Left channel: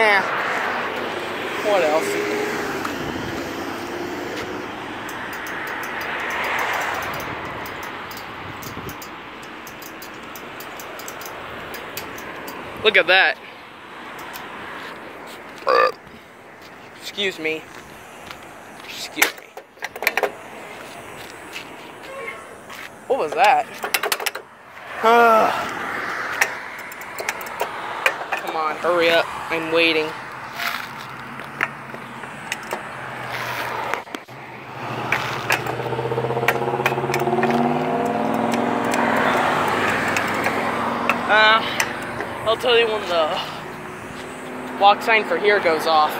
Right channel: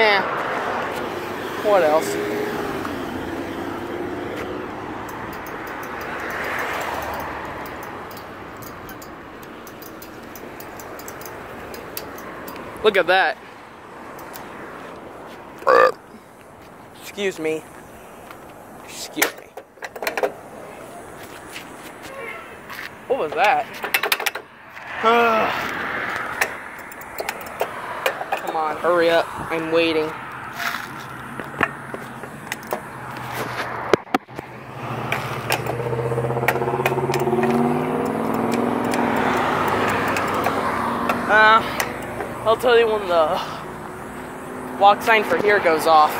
Eh. What else? Look at that. Excuse me. Excuse me. What was that? Come on, hurry up. I'm waiting. I'll tell you when the walk sign for here goes off.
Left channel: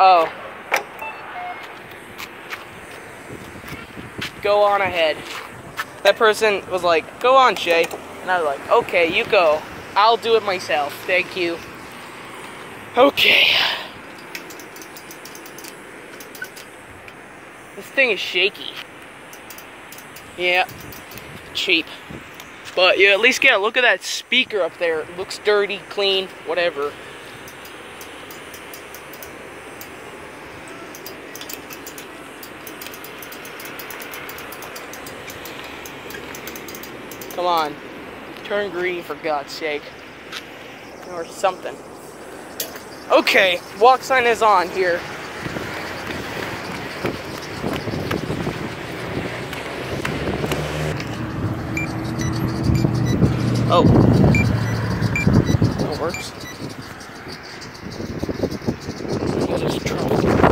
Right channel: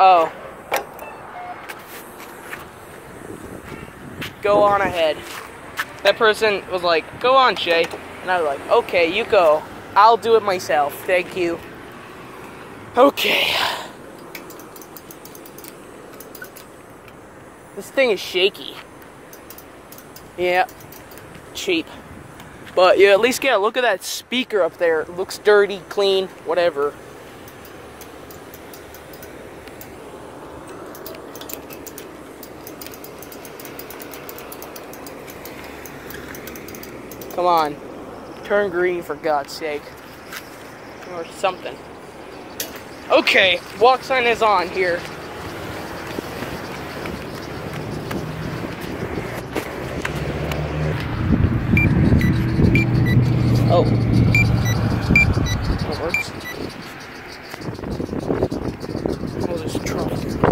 Oh. Go on ahead. That person was like, go on, Shay. And I was like, okay, you go. I'll do it myself. Thank you. Okay. This thing is shaky. Yeah. Cheap. But you at least get a look at that speaker up there. It looks dirty, clean, whatever. Come on. Turn green for God's sake. Or something. Okay, walk sign is on here. Oh. That works. There's a truck.